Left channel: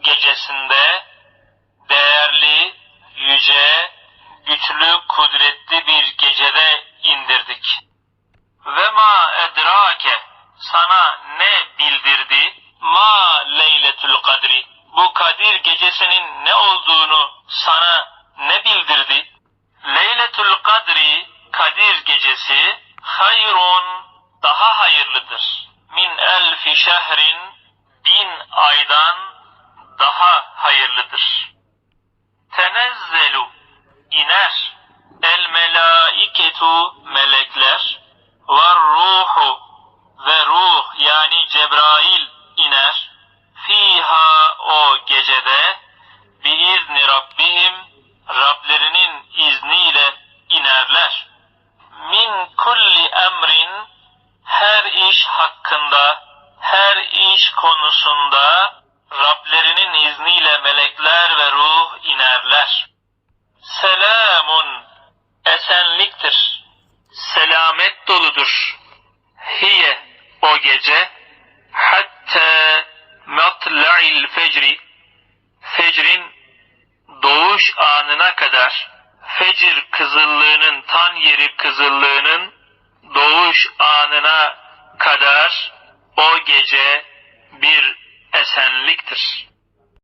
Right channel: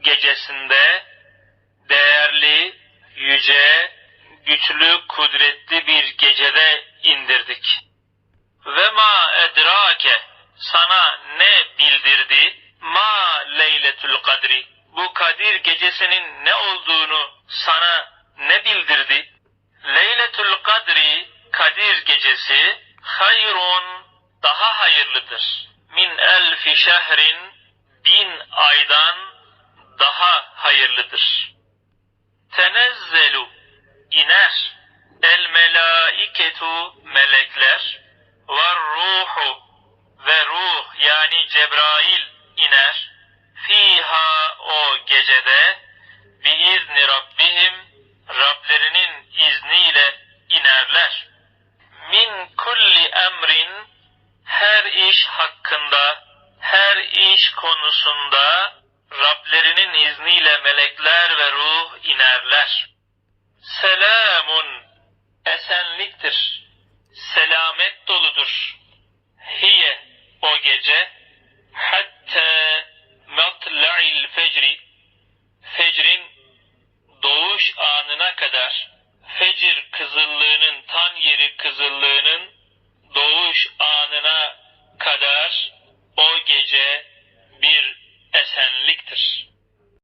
gecesinde değerli, yüce, güçlü, kudretli bir gecede indirdik. Ve ma edrake sana ne bildirdi? Ma leyletül kadri. Bu Kadir gecesinin ne olduğunu sana ne bildirdi? Leyletül kadri Kadir gecesi hayrun hayırlıdır. Tenezzelu iner el melaiketu melekler ve ruhu ve ruh yani Cebrail iner fiha o gecede biizni Rabbihim Rablerinin izniyle inerler. Min kulli emrin her iş hakkında, her iş konusunda Rablerinin izniyle melekler ve ruh inerler. Selamun esenliktir. Selamet doludur. Hiye o gece hatta matla'il fecri fecrin doğuş anına kadar fecir kızıllığının tan yeri kızıllığının doğuş anına kadar o gece.